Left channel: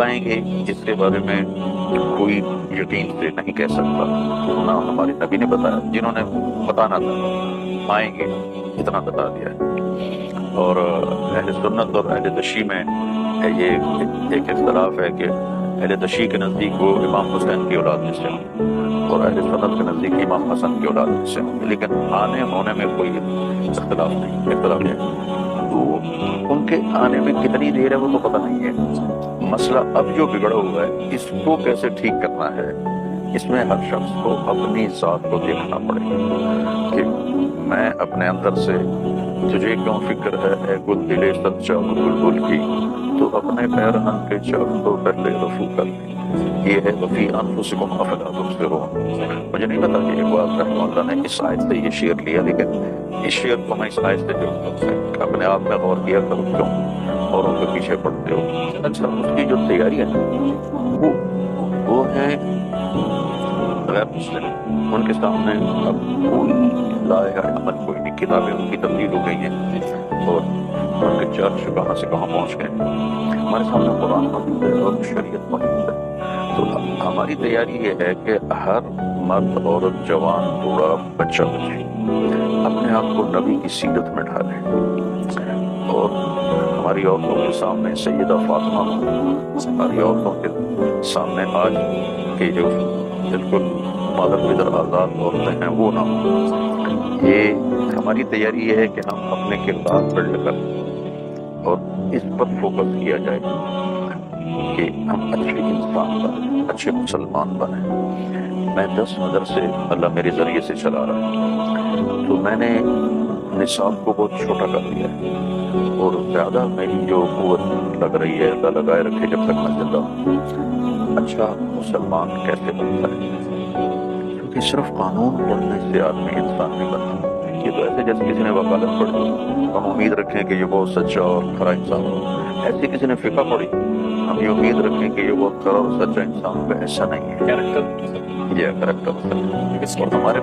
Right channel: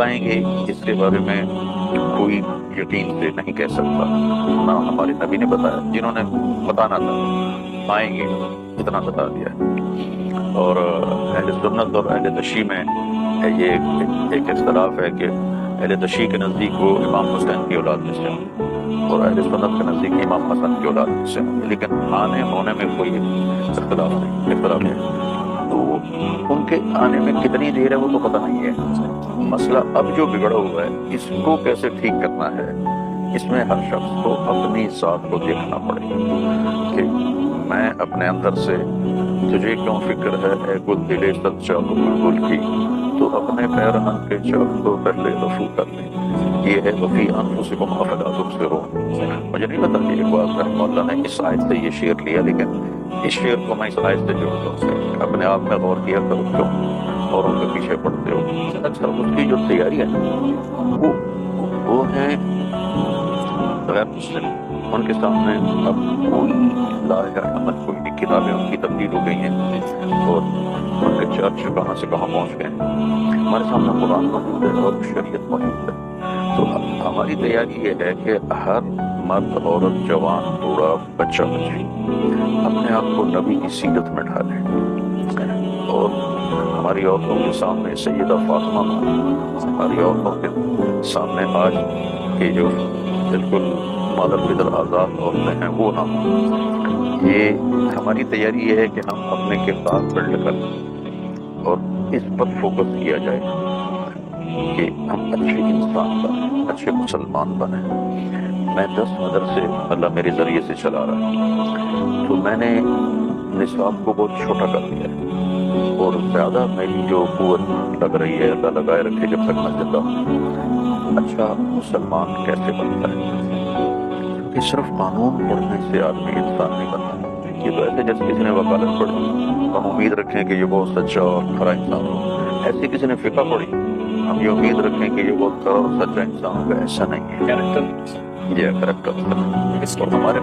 آئیں گے اس کے بارے میں کوئی یقین سے نہیں کہہ سکتا، نہ ہمارے نبی نے بتایا، جنہوں نے بتانا تھا آئیں گے اتنا بتا دیا ہے۔ اور اہل سنت اور اہل تشیع میں یہ ایک اختلاف ہے کہ اہل تشیع کے نزدیک وہ امام حسین کی اولاد میں سے ہوں اور اہل سنت کے نزدیک امام حسن کی اولاد میں سے ہوں، لیکن آنے ہونے میں کوئی اختلاف ہے۔ تو ان کے آنے میں کتنی دیر ہے وہ تو پتہ نہیں ہے۔ مسئلہ اب جو بگڑا ہوا ہے اس کو کیسے ٹھیک کرنا ہے، اس میں ہر شخص کو اپنی ذات کو دیکھنا پڑے گا کہ میں اپنے اندر سے تجھے کیوں فکر ہے اے گل دلے صد چاک بلبل کی، تو اپنے پیرہن کے چاک تو پہلے رفو کر لیں۔ یہ ہے وفی انفسکم افلا تبصرون۔ مجھے نہیں پتا کہ اقبال رحمہ اللہ نے اس آیت سے یہ شعر لیا، لیکن اس شعر کو میں اس آیت سے جوڑتا ہوں۔ اپنے آپ میں غور کیا کرو کیوں اوروں کے پیچھے پڑتے ہو۔ اچھا، اس کی جو تیاری ہے نا وہ ہے غیر مسلم، ان کے سامنے اب کوئی لائحہ عمل کوئی نہیں، کتابیں ان کی تبدیل ہو گئی ہیں اور ان کے چرچ کہاں سے کہاں پہنچ گئے ہیں۔ ہمارے سامنے قرآن موجود ہے اور شریعت موجود ہے، تو ہماری تیاری یہ ہے کہ ہر مرد عورت جوان بوڑھا بچہ بچی اپنے آپ کو نبی کی سیرت میں ڈھالے، اور ہماری عورتوں کے سامنے سیدہ فاطمہ ہوں، ہماری عورتوں کے سامنے آج کے جو بالکل مادر پدر آزاد عورتیں ہیں وہ نہ ہوں۔ یہ ہماری تیاری یہ ہے کہ ہم اپنے کردار بلڈ کریں اور اس پر فوکس کیا جائے کہ ہم اچھے انسان بنیں، اچھے مسلمان بنیں۔ میں 10 مدرسے اللہ میرے ذریعے سے چلا رہا ہے، تو میں نے نصاب کو بہت چھوٹا کر دیا ہے اور زیادہ میری جو قوت لگ رہی ہے، اللہ لگائے رکھے جب تک میں زندہ ہوں، اچھا مسلمان کیسے بنتا ہے، کیونکہ صرف قانون پڑھنے سے آدمی انسان نہیں بنتا۔ یہ تو ایسے جیسے کسی نے وکالت پڑھی، ہم امید رکھیں کہ یہ بہت سچا اور کھرا انسان ہو، ایسے کسی نے فقہ پڑھی، ہم یہ امید رکھیں کہ یہ بہت کھرا اور سچا انسان ہوگا، ایسا نہیں ہے۔ یہ کریکٹر اور ہمارے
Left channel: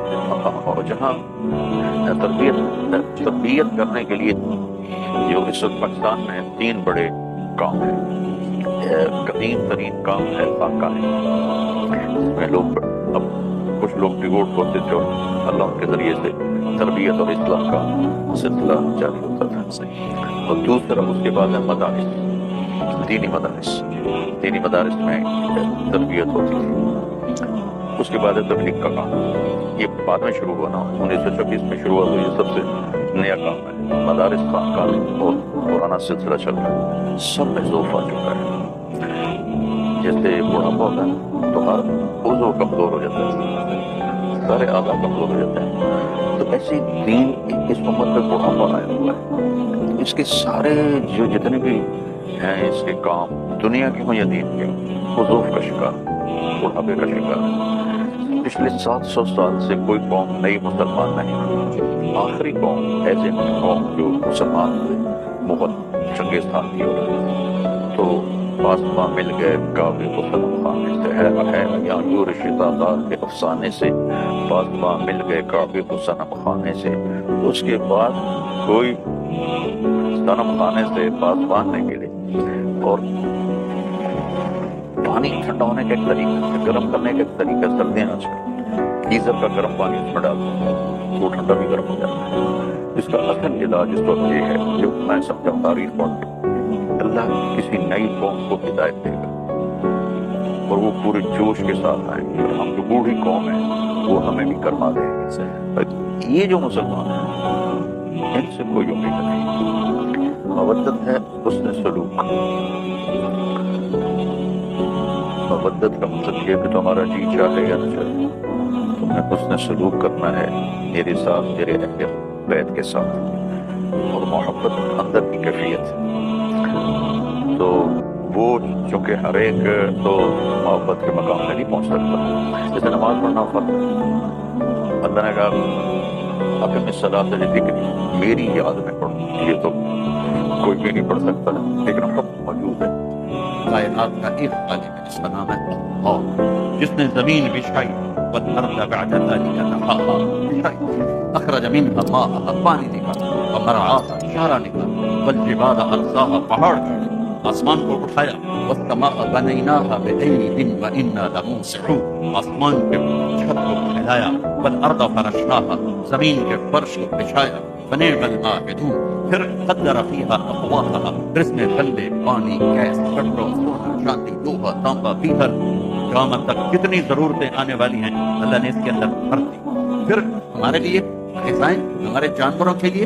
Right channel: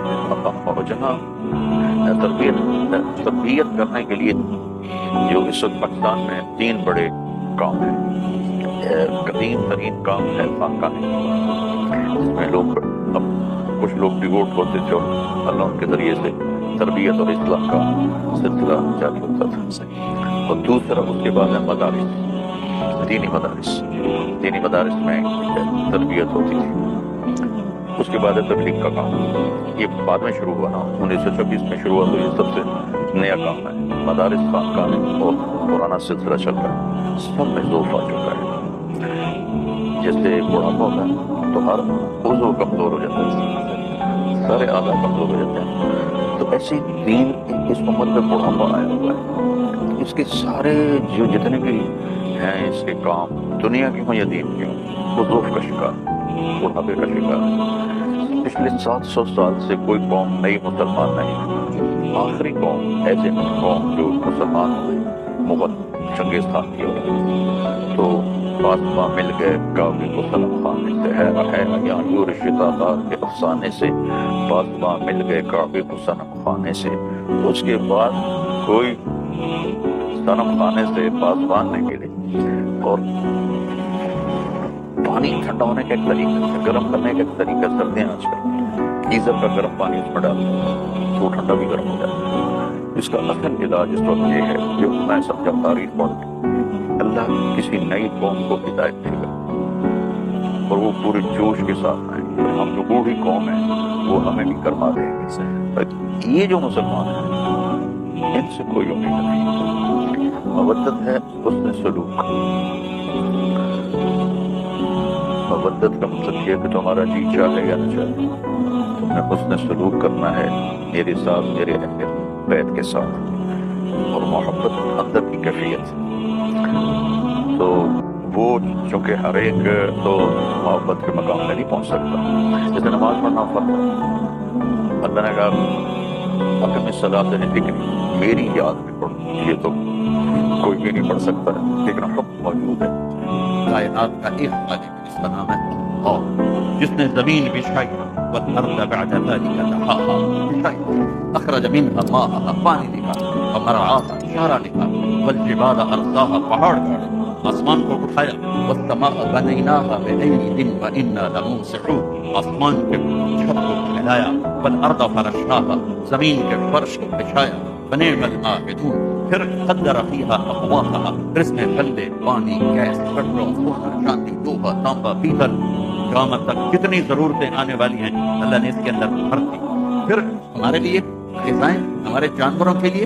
جہاں تربیت کرنے کے لیے جو اس وقت پاکستان میں 3 بڑے کام ہیں۔ قدیم ترین کام ہے فاقہ ہے، جس میں لوگ اب کچھ لوگ ڈیووٹ ہوتے تھے اور اللہ ان کے ذریعے سے تربیت اور اصلاح کا سلسلہ جاری ہوتا تھا۔ اور دوسرا اس کے بعد ہے مدارس، دینی مدارس میں تربیت ہوتی تھی۔ اس کے بعد ہے تبلیغ کا کام، یہ بعد میں شروع ہوا نا، 1926 میں شروع ہوا، تو یہ سب سے نیا کام ہے۔ مدارس خانقاہیں اور پرانا سلسلہ چل رہا ہے، سب میں ذوف آ چکا ہے۔ جیسے بڑھاپا ہوتا ہے تو ہر عضو کمزور ہو جاتا ہے، سارے اعضاء کمزور ہو جاتے ہیں، تو ایسے دین اس امت پہ بڑھاپا آیا ہوا ہے۔ اس کے سارے جو جتنے بھی ہیں اس کے کام، دنیا کے ہوں یا دین کے ہوں، وہ ذوف کا شکار، بڑھاپے کا شکار ہے۔ پچھلے 700 سال سے کوئی قوم نئی مسلمان نہیں ہوئی۔ آخری قوم ایسے قوم جو مسلمان ہوئے مغل چنگیز خان کی اولاد، تو فاطمہ مل گئے کعبے کو صنم خانے سے، ہے ایان یور شتا دار کے افسانے سے، فاطمہ مل گئے کعبے کو صنم خانے سے۔ اس کے بعد کوئی صنم خانے سے پاسبان نہیں ملے، اور پانی ٹھنڈا ہونے کا ایک طریقہ، گرم کرنے کا ایک طریقہ، سردیاں آج کل گیزر کا گرم پانی اس میں ڈالتے ہیں تو ٹھنڈا بھی گرم ہو جاتا ہے۔ اس کا اصل علاج اس وقت یہ ہے، جو میں سمجھا تاریخ پڑھ کے، اللہ کسی نئی قوم کو ہدایت دے گا اور وہ پورے جوش کے ساتھ آئیں گے، اور ہم جو بوڑھی قوم ہیں وہ ہمیں بھی کرما دیں گے۔ یہ جو مسلمان ہیں ان سے کوئی امید نہیں۔ مودت ہے حسن سلوک۔ مودت کا مطلب یہ ہے کہ تمہارا جی چاہے یا نہ چاہے تم نے حسن سلوک کرنا ہے میرے ساتھ، میرے اہل بیت کے ساتھ، اور محبت اندر کی کیفیت۔ تو وہ چونکہ ہر ایک تو محبت کے مقام میں نہیں پہنچ سکتا، جیسے نماز پڑھنا فرض ہے، اللہ نے کہا اقم الصلاۃ لذکری، میری یاد میں پڑھو، یہ تو کوئی بھی نہیں پڑھ سکتا ہے، لیکن حکم موجود ہے۔ کائنات کا ایک خالق ہے، اس کا نام ہے اللہ، جس نے زمین بچھائی والارض بعد ذلك دحاها، بچھائی، اخرج منها ماءها، پانی نکالا، ومرعاها، چارہ نکالا، والجبال ارساها، پہاڑ گاڑے، آسمان کو اٹھایا، والسماء بنيناها بأيد وإنا لموسعون، آسمان کے چھت کو پھیلایا، والارض فرشناها، زمین کے فرش کو بچھایا، فنعم الماہدون، پھر قدر فیہا اقواتها، اس میں غلے، پانی، گیس، پیٹرول، سونا، چاندی، لوہا، تانبا، پیتل، قیامت تک کتنی ضرورتیں آنے والی ہیں اللہ نے اس کے اندر بھر دی۔ پھر ہمارے لیے غذائیں، ہمارے جانوروں کے لیے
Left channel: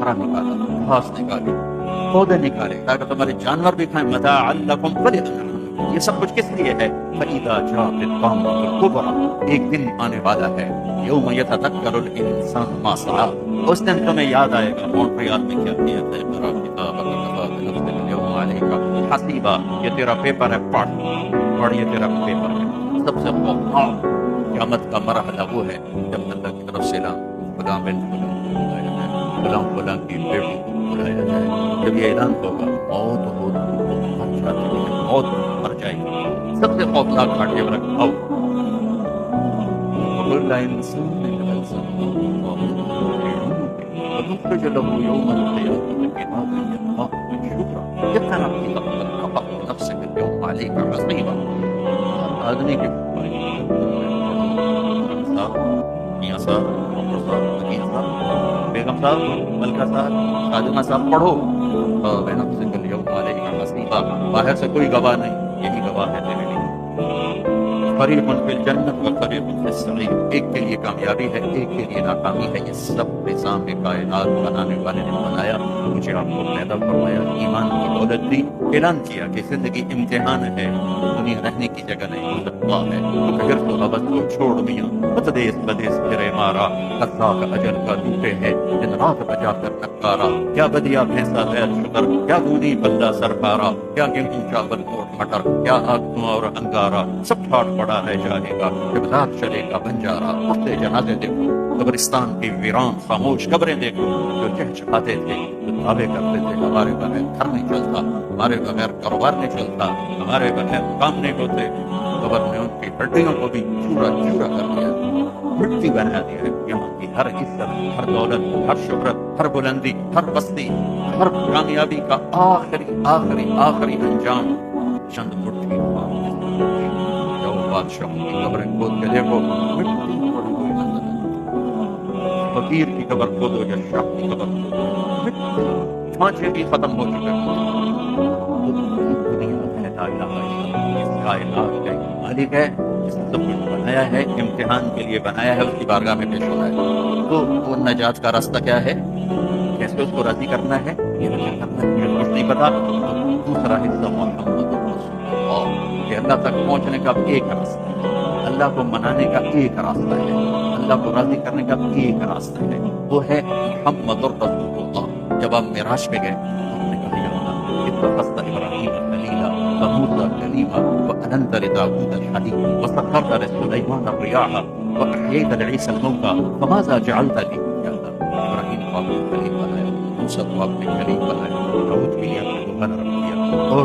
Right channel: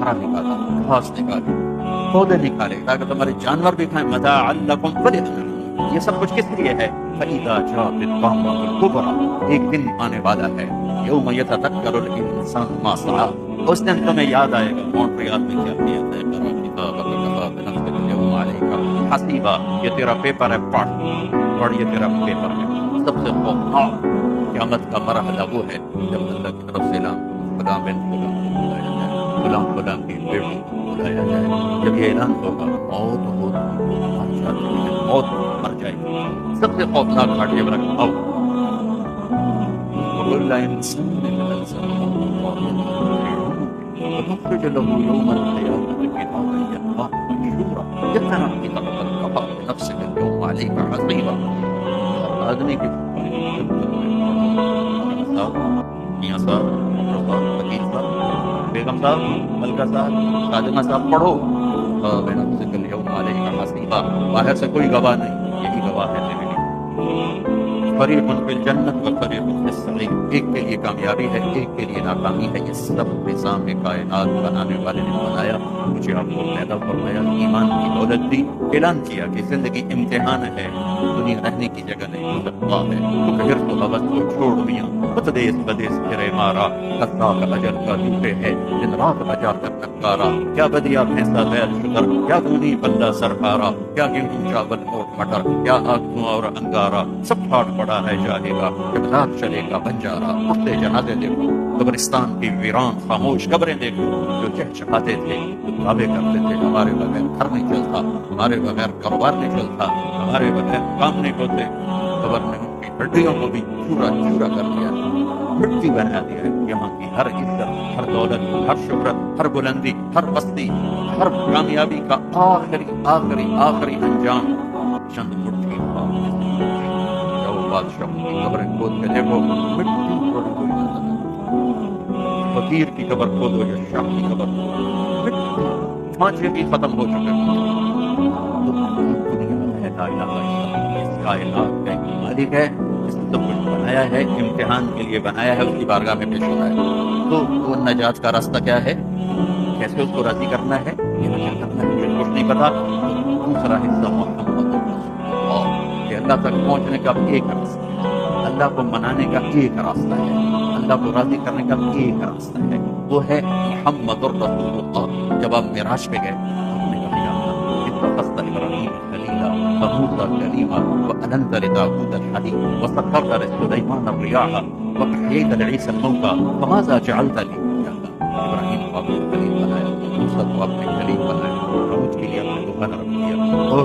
چارہ نکالا، گھاس نکالی، پودے نکالے تاکہ تمہارے جانور بھی کھائیں، متاعا لکم ولانعامکم۔ یہ سب کچھ کس لیے ہے؟ فَإِذَا جَاءَتِ الطَّامَّةُ الْكُبْرىٰ، ایک دن آنے والا ہے، یوم یتذکر الانسان ما سعی، اس دن تمہیں یاد آئے گا مونٹریال میں کیا کیا تھا، اقرأ کتابک کفیٰ بنفسک اليوم علیک حسیبا، یہ تیرا پیپر ہے، پڑھ، یہ تیرا پیپر ہے۔ سب سے خوفناک قیامت کا مرحلہ وہ ہے جب اللہ کی طرف سے اعلان، فلاں بن فلاں کو بلایا جائے، فلاں فلاں کی بیٹی کو بلایا جائے۔ جب یہ اعلان ہوگا موت ہوتی تو مر جاتی ہے، موت مر جائے گی۔ سب سے خوفناک گھاٹ یہ رکھ آؤ، وَكُلَّ إِنسَانٍ أَلْزَمْنَاهُ طَائِرَهُ فِي عُنُقِهِ وَنُخْرِجُ لَهُ يَوْمَ الْقِيَامَةِ كِتَابًا يَلْقَاهُ مَنشُورًا اقْرَأْ كِتَابَكَ كَفَىٰ بِنَفْسِكَ الْيَوْمَ عَلَيْكَ حَسِيبًا۔ ہر آدمی کی میاں صاحب، ڈاکٹر صاحب، وکیل صاحب، بیگم صاحب، ملکہ صاحب، خادمہ صاحب، پڑھو بِنَفْسِكَ الْيَوْمَ عَلَيْكَ حَسِيبًا، باہر سے کوئی گواہ نہیں، یہی گواہ ہے تیرے لیے۔ فریق فی الجنت و فریق فی السعیر، ایک کے لیے کامیابی ہے، ایک کے لیے ناکامی ہے۔ یہ سب نظام کائنات بنانے والے نے بنایا، مجھے آپ کو پیدا فرمایا، ایمان کی دولت دی، اعلان کیا کہ زندگی امتحان ہے، دنیا رہنے کی جگہ نہیں، اللہ ہے، تو کہ حرص و حوث کو چھوڑ دیا، بدیس بدیس پھرے مارا، قضا کا اجل کا ڈوبے ہے، دن رات بجا کر نکارا، کیا بدیا بھینسا بیل شکر، کیا دونی بندہ سر پارا، کیا گیہوں چاول موٹ مٹر، کیا آگ دھواں اور انگارا، سب ٹھاٹ پڑا رہ جائے گا، ابداد چلے گا بنجارا۔ اٹھتے جنازے دیکھو، قبرستان کی ویران خاموش قبریں دیکھو، جو چہچہاتے تھے، جو دعوے کرتے تھے ہمارے بغیر گھر نہیں چلتا، ہمارے بغیر کاروبار نہیں چلتا، ہمارے بغیر کام نہیں ہوتے، قبر نے ان کی ہڈیوں کو بھی چورا چورا کر دیا، مٹی بنا دیا ہے۔ یہاں کی ہر عزت، ہر دولت، ہر شہرت، ہر بلندی، ہر بستی، ہر کامیابی کا آخری آخری آخری انجام چند مٹھی خواب ہے۔ جاؤ بادشاہوں کی قبریں کھود کے دیکھو، مٹی تھوڑی کوئی نظر نہیں، فقیر کی قبر کھودو یا شاہ کی قبر کھودو، مٹی، چھانچے بھی ختم ہو چکے ہیں۔ تو دنیا ہے لا الہ الا اللہ، اس کائنات کا ایک مالک ہے جس نے سب کچھ بنایا ہے، امتحان کے لیے بنایا ہے، اس کی بارگاہ میں پیش ہونا ہے۔ تو وہ نجات کا راستہ کیا ہے؟ کیسے اس کو راضی کرنا ہے، یہ کیا کرنا ہے مجھے کچھ نہیں پتا۔ تو دوسرا حصہ محمد رسول اللہ، کہ اللہ تک پہنچنے کا ایک راستہ ہے، اللہ کو منانے کا ایک راستہ ہے، اللہ کو راضی کرنے کا ایک راستہ ہے، وہ ہے محمد الرسول اللہ۔ جب آپ معراج پہ گئے، آپ نے کہا یا اللہ اتخذت ابراہیم خلیلا وموسیٰ کلیما وألنت لداود الحدید وسخرت لسلیمان الریاح وأحییت لعیسی الموتى فماذا جعلت لی۔ یا اللہ ابراہیم کو آپ نے خلیل بنایا، موسیٰ کو آپ نے کلیم بنایا، داؤد کے لیے آپ نے روحا نرم کیا، اور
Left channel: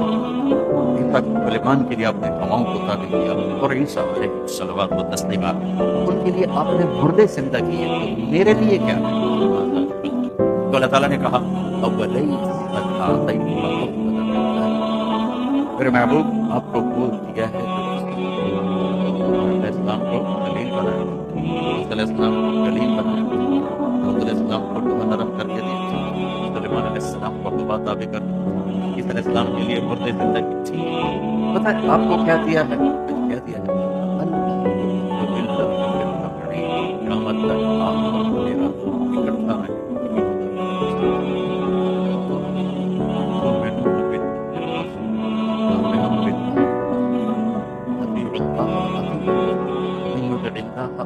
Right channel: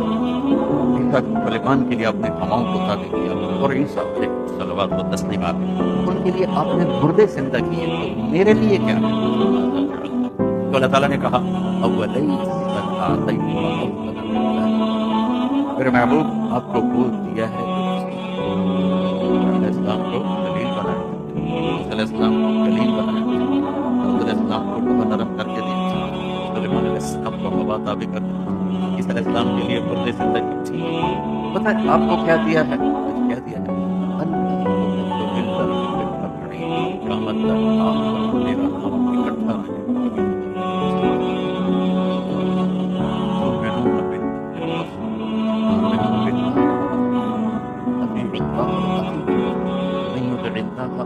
سلیمان کے لیے آپ نے ہواؤں کو تابع کیا، اور عیسیٰ علیہ الصلوات و تسلیمات ان کے لیے آپ نے مردے زندہ کیے، تو میرے لیے کیا ہے؟ تو اللہ تعالیٰ نے کہا میرے محبوب آپ کو وہ دیا ہے جو علیہ السلام کو خلیل بنایا، علیہ السلام کو کلیم بنایا، داؤد علیہ السلام کو لوہا نرم کر کے دیا، سلیمان علیہ السلام کو ہوا تابع کر دیا، عیسیٰ علیہ السلام کے لیے مردے زندگی تھی۔ پتہ ہے آپ کو کیا دیا ہے؟ کیا دیا ہے؟ قیامت تک آپ پر میرا نام اکٹھا رہے،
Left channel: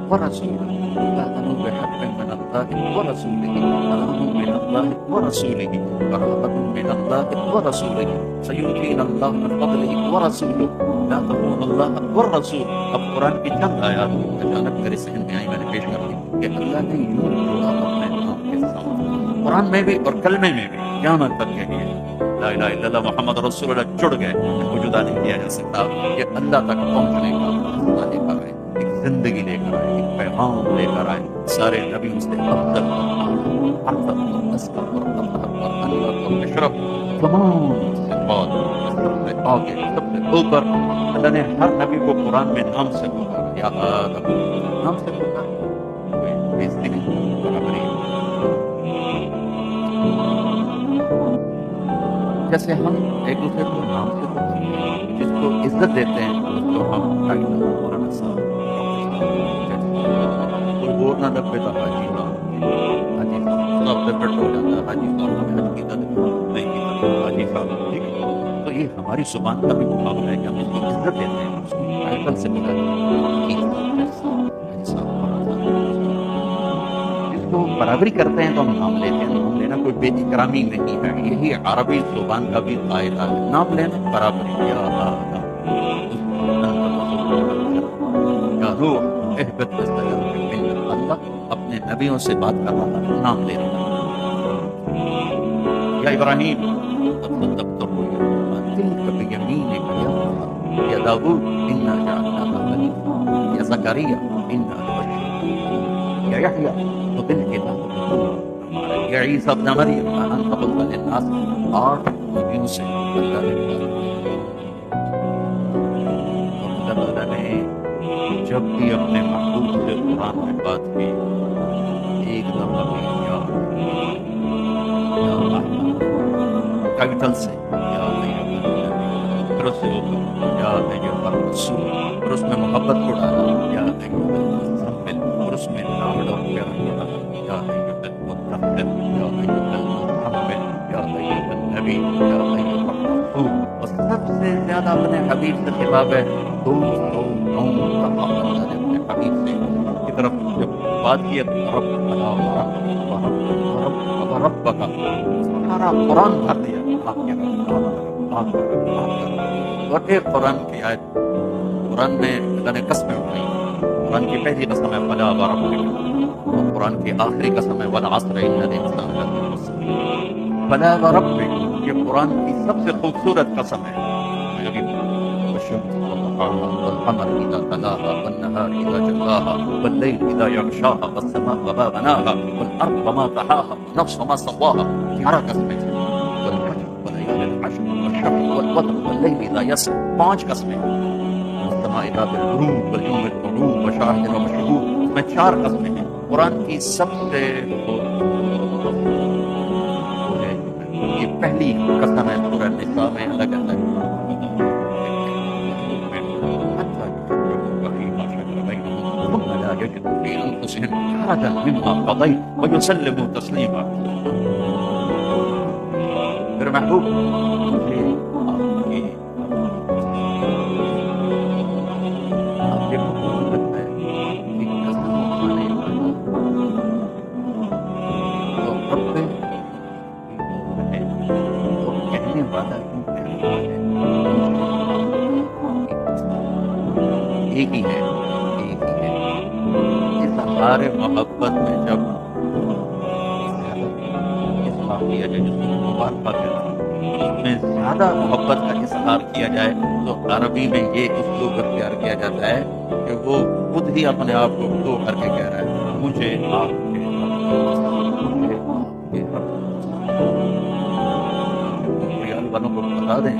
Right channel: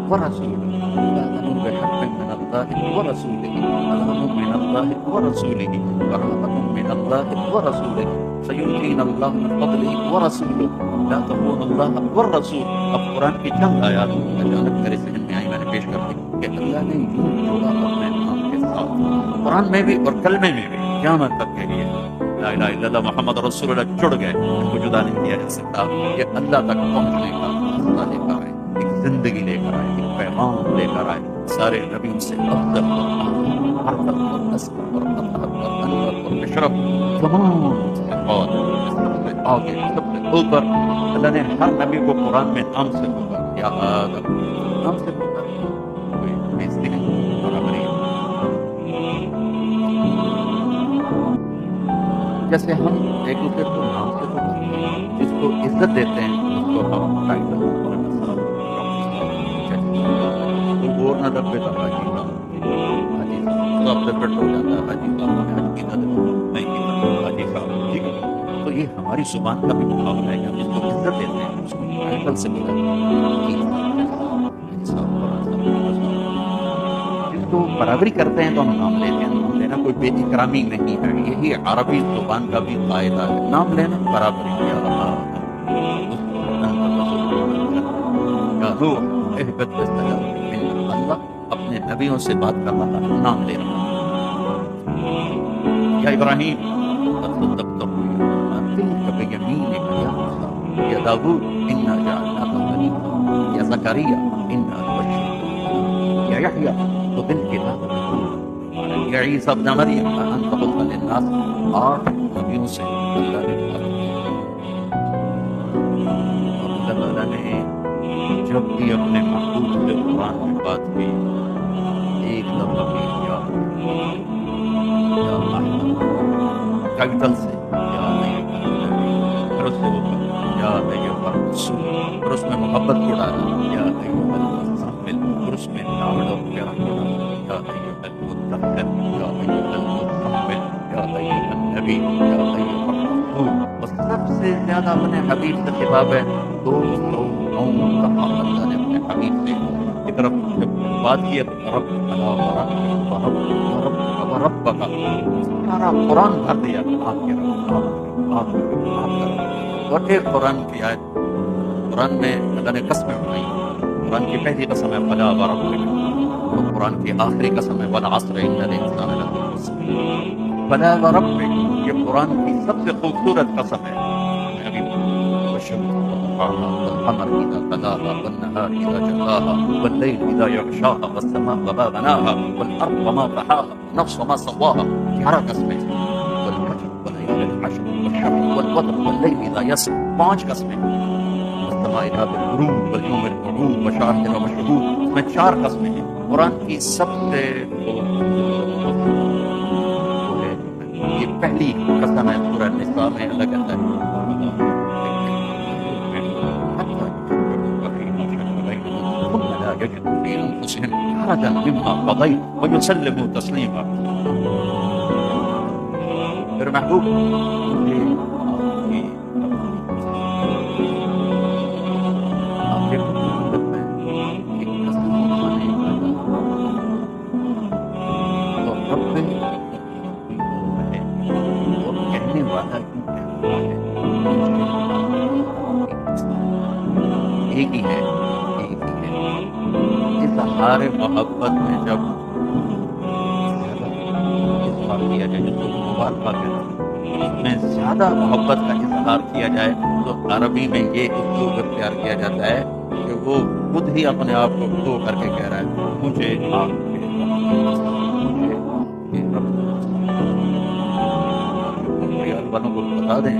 ورسوله آمنوا بحق من الله ورسوله، سلام من الله ورسوله، برهة من الله ورسوله، سيؤتينا الله من فضله ورسوله، لا تخونوا الله والرسول۔ اب قرآن کی چند آیات اچانک میرے ذہن میں آئی، میں نے پیش کر دی کہ اللہ نے یوں جوڑا اپنے نام کے ساتھ، قرآن میں بھی اور کلمے میں بھی، قیامت تک کے لیے لا الہ الا اللہ محمد رسول اللہ جڑ گئے، ان کو جدا نہیں کیا جا سکتا۔ یہ اللہ تک پہنچنے کا راستہ لے کر آئے، ایک زندگی لے کر آئے، ایک پیغام لے کر آئے، سارے نبیوں سے افضل اور ارفع اور اسکر اور اطہر اور انور اور اشرف، تمام صفات سب سے آگے سب سے اوپر اللہ نے ہر نبی کو قرآن میں نام سے پکارا، یا آدم، نام سے پکارا، کوئی بےزتی نہیں، برابری ہے۔ جیسے ہم ایک دوسرے کو نام سے پکارتے ہیں، جس کو عزت دیتے ہیں اس کو ہم ٹائٹل مولانا صاحب، ڈاکٹر صاحب، کوئی اور نہ دبے تو حاجی صاحب، حاجی صاحب سب سے فٹ ہو جاتا ہے، حاجی صاحب نے حج کی نہیں کی حاجی صاحب، ٹھیک ہے۔ تو یہ ہماری زبان کا بھی مقابلہ ہے کہ ہم جس کو عزت دیتے ہیں اس کو ٹائٹل سے بلاتے ہیں، حاجی صاحب، جس کو برابری کرتے ہیں تو ہم نام لیتے ہیں۔ نام لینا کوئی بے اکرامی نہیں ہے، یہی عربی زبان کا بھی قاعدہ ہے، نام لینا برابری، یا آدم یا نوح اہبط بسلام منا، اللہ اپنے نبیوں سے بات کر رہا ہے، نام لے رہا ہے، یا ابراہیم قد صدقت الرؤیا تلک بیمینک یا موسیٰ، یا داؤد انا جعلناک خلیفہ، یا زکریا انا نبشرک، یا یحییٰ خذ الکتاب بقوة، یا عیسیٰ ابن مریم انت قلت للناس، 8 نبیوں سے اللہ نے بات کی، اور اللہ تعالیٰ نے جب بھی اپنے محبوب سے قرآن میں بات کی، ایک دفعہ بھی یا احمد ٹائٹل سے، یا ایھا النبی، پھر اس سے یا ایھا الرسول، پھر اس میں محبت کو ڈالا، یا ایھا المزمل، پھر اس میں لاڈ اور پیار کو ڈالا، یا ایھا المدثر، یا ایھا المزمل، یا ایھا النبی، یا ایھا الرسول، اور سب سے زیادہ اپنے حبیب سے خطاب ہے، 209 دفعہ اللہ نے اپنے حبیب سے کی طرف جب بات کی، رب الا ورب کا سارا قرآن بھر دیا، آپ کے رب، آپ کا رب، آپ کا رب، آپ کا رب، اور ایک قرآن کی آیت، قرآن میں اللہ نے قسمیں اٹھائی، قرآن کی پہلی قسم ہے فلا وربک، اور قرآن کی آخری قسم ہے والعصر ان الانسان لفی خسر، فلا وربک، یہ قرآن کی سب سے خوبصورت قسم ہے، والشمس وضحاها والقمر إذا تلاها والنهار إذا جلاها والليل إذا يغشاها والسماء وما بناها والأرض وما طحاها والنفس وما سواها، 11 قسمیں، والفجر وليال العشر والشفع والوتر والليل إذا يسر، 5 قسمیں، والسماء ذات البروج واليوم الموعود وشاهد ومشهود، اس میں 4 قسمیں ہیں۔ قرآن کی سب سے یہ پہلی قسم ہے سورہ النساء میں، اللہ کہتا ہے ثم لا يجدوا في أنفسهم حرجا مما قضيت ويسلموا تسليما۔ پھر محبوب مجھے آپ کے لگتا ہے کہ قسم کھانے والا تو رب ہے اور کہنے والا کیوں کہہ رہا ہے، ایک ہی ہے، اظہار محبت میں جب اظہار کیا جائے، جس کو مبالغہ کہتے ہیں، اس میں زیادہ محبت کا اظہار کیا جائے تو عربی میں یہ اسلوب اختیار کیا جاتا ہے کہ وہ خود ہی اپنے آپ کو دو کر کے کہہ رہا ہے، مجھے آپ کے رب، مجھے آپ کے رب۔ ریال والوں کو بتا دیں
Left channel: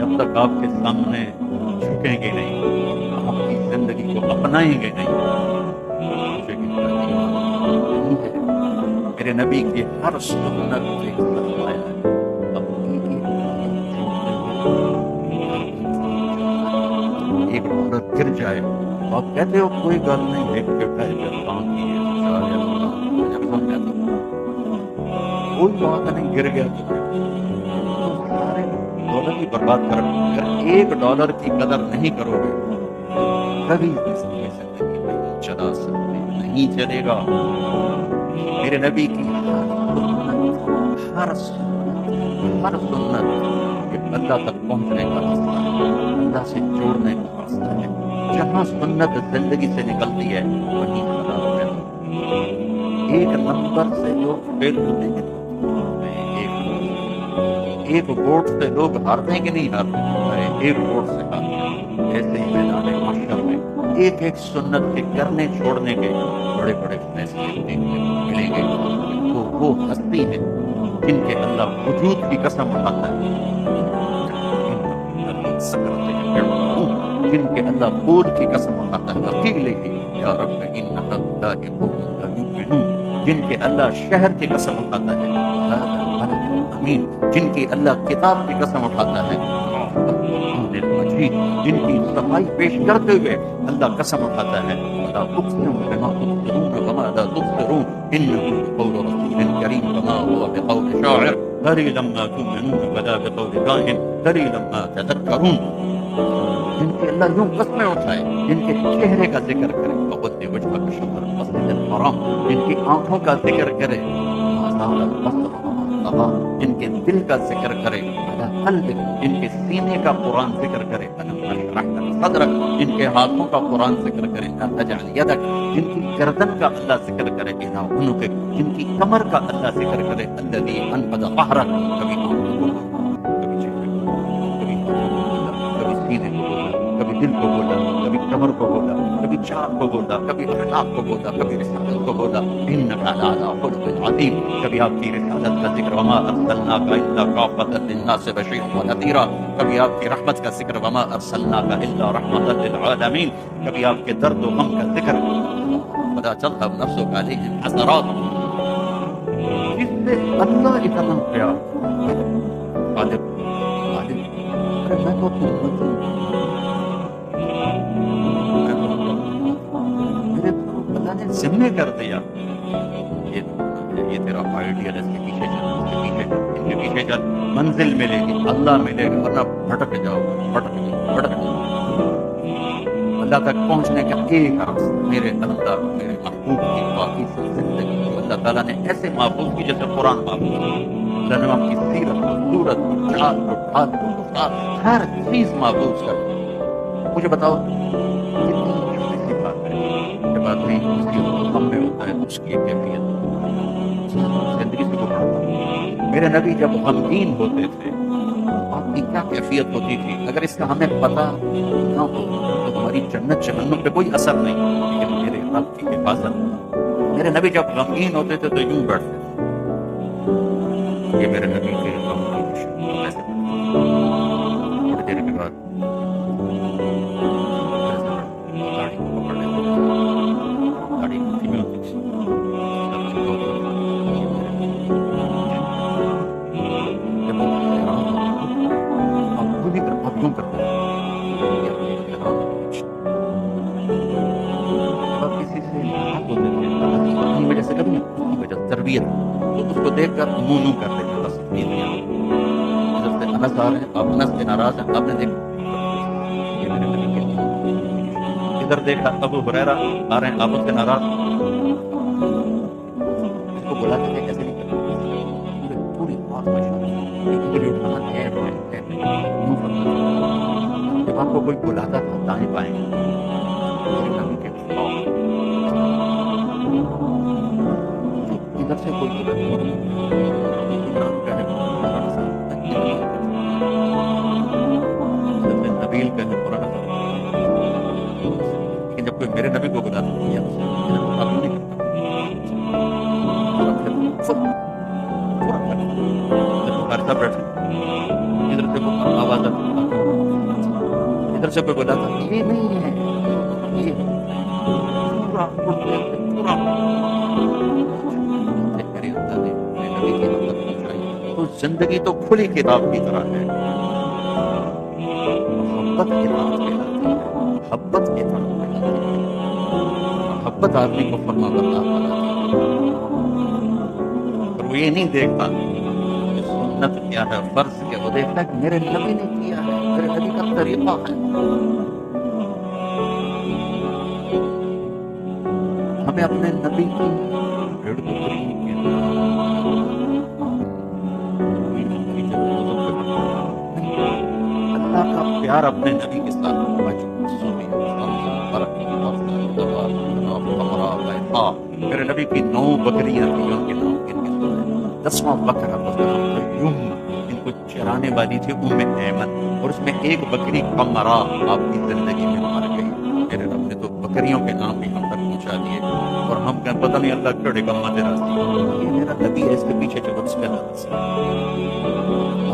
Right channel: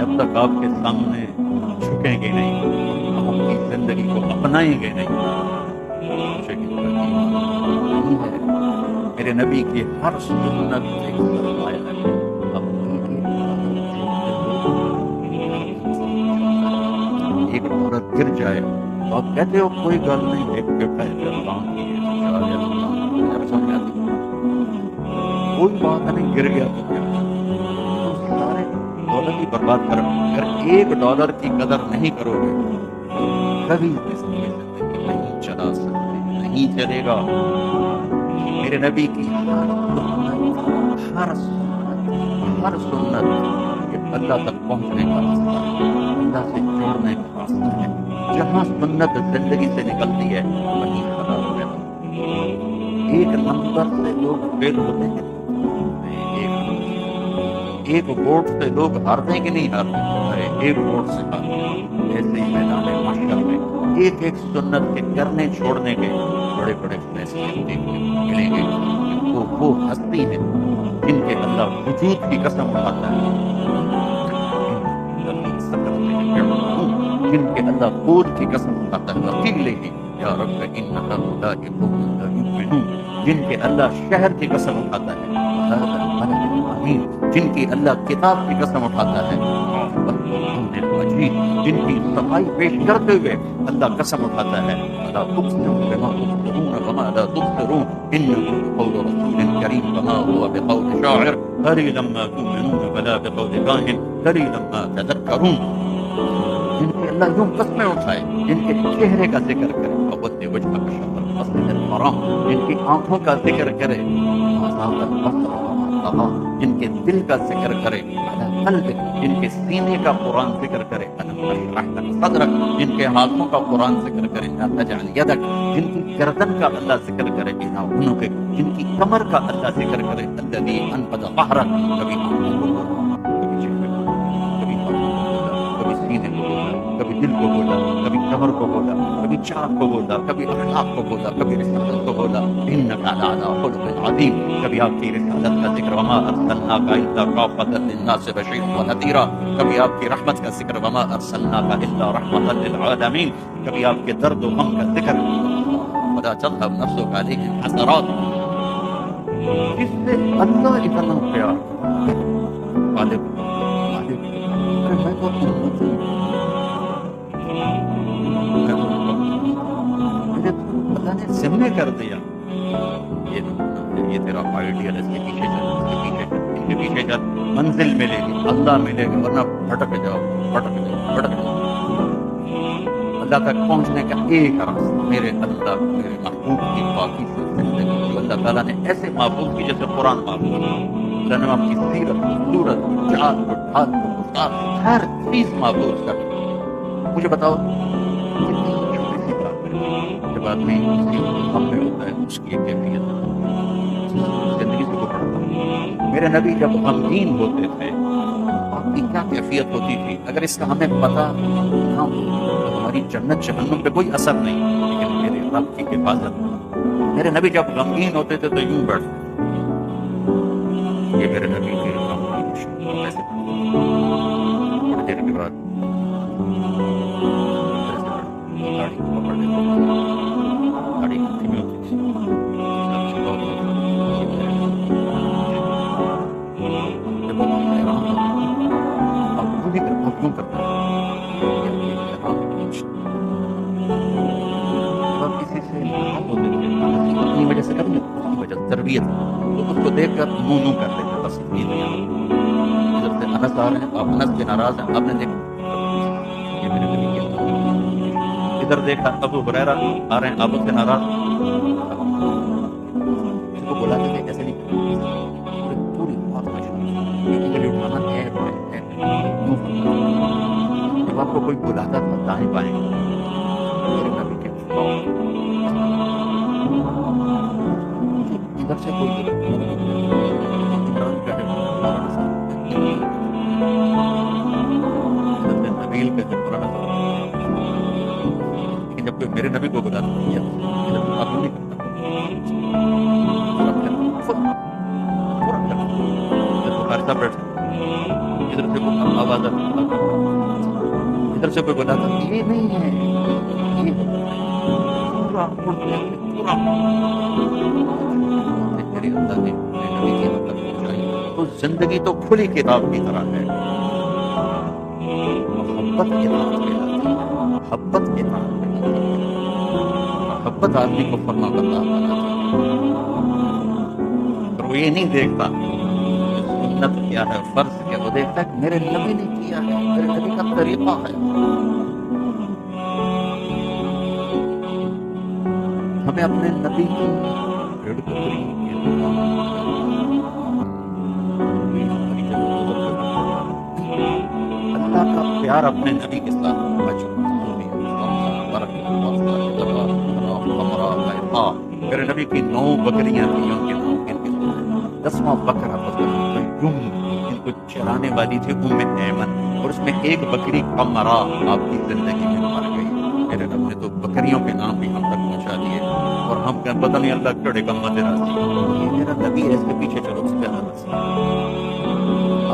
جب تک آپ کے سامنے جھکیں گے نہیں، آپ کی زندگی کو اپنائیں گے نہیں، مجھے نہیں ہے۔ میرے نبی کی ہر سنت ایک سرمایہ ہے، اب ایک عورت گر جائے تو آپ کہتے ہو کوئی گل نہیں، ایک بیٹا ہے جان کی جب سمجھ جاتی کوئی بات نہیں، گر گیا تو کیا، تو سارے دولت ہی برباد کر، اگر $1 کی قدر نہیں کرو گے تو کبھی زندگی نہیں چلا سکتے، نہیں چلے گا۔ میرے نبی کی ہر سنت یہ اللہ تک پہنچنے کا راستہ ہے، اللہ سے جوڑنے کا راستہ ہے۔ جہاں سنت زندگی سے نکلتی ہے وہیں خراب ہے۔ ایک نمبر سے لوگ فیل ہوتے ہیں، ایک ووٹ سے لوگ ہارتے ہیں کہ نہیں ہارتے، ایک ووٹ سے ہارتے ہیں۔ ایسے ہی میدان محشر میں ایک ایک سنت کے کرنے چھوڑنے کے بڑے بڑے فیصلے دیکھنے کو ملیں گے. وہ ہستی ہیں جن کے اللہ وجود کی قسم اٹھاتا ہے، جن کے اللہ قول کی قسم اٹھاتا ہے، وقیلہ یا رب ان هؤلاء قوم لا يؤمنون، جن کے اللہ شہر کی قسم اٹھاتا ہے، وهذا البلد الامین، جن کی اللہ کتاب کی قسم اٹھاتا ہے، والقرآن المجید، جن کی صفائی پیش کرتے ہوئے اللہ قسم اٹھاتا ہے، ولا تقسم بما تبصرون وما لا تبصرون انه بقول رسول کریم وما هو بقول شاعر قليلا ما تؤمنون ولا بقول كاهن قليلا ما تذكرون. جن کی اللہ یوں قسمیں اٹھائے، جن کے چہرے کا ذکر کرے، فود وجہ کا شطر المسجد الحرام، جن کی آنکھوں کا ذکر کرے، ما زاغ البصر وما طغى، جن کے دل کا ذکر کرے، على قلبک، جن کے سینے کا قرآن ذکر کرے، الم نشرح لک صدرک، جن کے ہاتھوں کا قرآن ذکر کرے، لا تجعل یدک، جن کی گردن کا اللہ ذکر کرے، الى عنقک، جن کی کمر کا اللہ ذکر کرے، الذی انقض ظہرک، کبھی آنکھوں کو بولا، کبھی چہرے کو بولا، کبھی ہاتھوں کو بولا، کبھی سینے کو بولا، کبھی دل کو بولا، کبھی کمر کو بولا، کبھی چاند کو بولا، کبھی اخلاق کو بولا، کبھی رسالت کو بولا، انک لعلی خلق عظیم، کبھی آپ کی رسالت کا ذکر، وما ارسلناک الا کافۃ للناس بشیرا ونذیرا، کبھی آپ کی رحمت کا ذکر، وما ارسلناک الا رحمۃ للعالمین، کبھی آپ کے درد و غم کا ذکر، ولا تذهب نفسک علیہم حسرات، جس سے اللہ اتنا پیار خالق خالق کہ میں تو امتی ہوں، میرے تو اللہ نے ذمہ کر دیا، یہ نمونہ ہے، یہ تیرا آئیڈیل، اس کے پیچھے چل، اس کے پیچھے چل، ان کے پیچھے چل، منزل ملے گی، اللہ ملے گا، ورنہ بھٹک جاؤ بھٹک جاؤ بھٹک جاؤ. اللہ تک پہنچنے کا ایک راستہ، میرے اللہ میرے محبوب کی باقی زندگی جو اللہ تعالیٰ نے ایسے محفوظ کی جیسے قرآن محفوظ، اللہ نے آپ کی سیرت کو، صورت کو، چال کو، ڈھال کو، گفتار، ہر چیز محفوظ کر. مجھے بتاؤ کتنی چھوٹی سی بات ہے جب آدمی کسی غم میں ہوتا ہے اس کی ایک کیفیت زندگی سے گزرتا ہے. میرے نبی جب غمگین ہوتے تھے آپ کی کیا کیفیت ہوتی تھی، اگر اس کا ہمیں پتہ نہ ہو تو ہماری جنت جہنم پہ کوئی اثر نہیں. لیکن میرے رب کی حفاظت، میرے نبی جب غمگین ہوتے تھے تو یوں بیٹھتے تھے، یہ میرے نبی کے غم کی نشانی. ایسے تھوڑی دیر کے بعد گاڑی کو پکڑ لیتے تھے، گاڑی دھیمی ہوتی تھی، سب سے بہت یہ میرے نبی جب وہ حیران ہوتے اب خود ہی اب کیوں کرتے تھے، جب کسی سے ناراض ہوتے تھے اپنی وجہ سے، کبھی اس کی وجہ تربیت، تو اس کو دیکھ کر منہ نو کر لیتے، بس اتنی دنیا. ادھر سے انس آ رہے ہیں، آپ انس سے ناراض ہیں، آپ نے دیکھا یہ میرے نبی کے، ادھر دیکھا ابو ہریرہ آ رہے ہیں، آپ اس سے ناراض، اس کو بلاتے تھے ایسے نہیں کرتے، پوری بات انگلی اٹھانا عیب ہے، یوں فرمانا. جب آپ کو کوئی بلاتا تھا دائیں بائیں، میرے نبی کے ادھر سے کوئی عمران کا ہے، نبیل کا ہے، قرآن، لیکن جب کوئی میرے نبی کو بلاتا ہے آپ نہیں کرتا، بخاری صاحب بیٹھے، ادھر سے کوئی آواز آتی، ادھر سے کوئی بلاتا، یہ نہیں ہے، یہ پورا پورا میرے اللہ نے میرے نبی کی مدد پہنچائی. تو زندگی تو کھلی کتاب کی طرح ہے، محبت اطاعت کہلاتی ہے، محبت اطاعت کہلاتی ہے، محبت آدمی کو فرما بردار بناتی ہے. اور وہ یہ نہیں دیکھتا کہ سنت کیا ہے، فرض کیا، وہ دیکھتا ہے کہ میرے نبی نے کیا ہے، میرے نبی کا طریقہ ہے. ہمیں اپنے نبی کی بھیڑ بکری کے اللہ کا پیار اپنے نبی کے ساتھ میرے نبی کی 9 بکریاں تھیں، ان کے نام کن کے سنائے. 10واں بکرا ان کو چرانے والی تھی ایمن، اور اس میں ایک بکری قمرا آپ کی زندگی میں مر گئی. میرے رب نے تو بکریوں کے نام بھی ہم تک پہنچا دیے، اور ہم کہیں پتہ نہیں اللہ کیڑے کا مت راضی، یہ میرا نبی ہے، اس کے پیچھے چلو، اس پہ اللہ راضی۔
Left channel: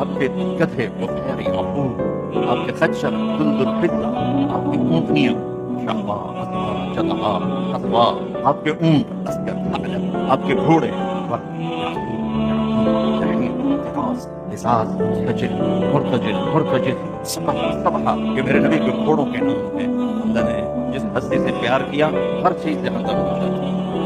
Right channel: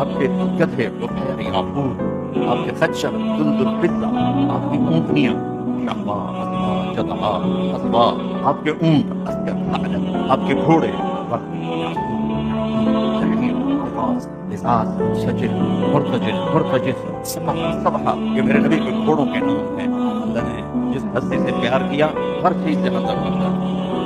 آپ کے گدھے بخیر یعقوب، آپ کے خچر دلدل فضہ، آپ کی اونٹنیاں شہبا اسوا جدعا اسوا، آپ کے اونٹ اسکر ثعلب، آپ کے گھوڑے وقت یعقوب جحیم دراز لساس سجل مرتجل مرتجل سبح سبحہ، یہ میرے نبی کے گھوڑوں کے نام ہیں۔ اللہ نے جس ہستی سے پیار کیا ہر چیز جہاں تک پہنچا،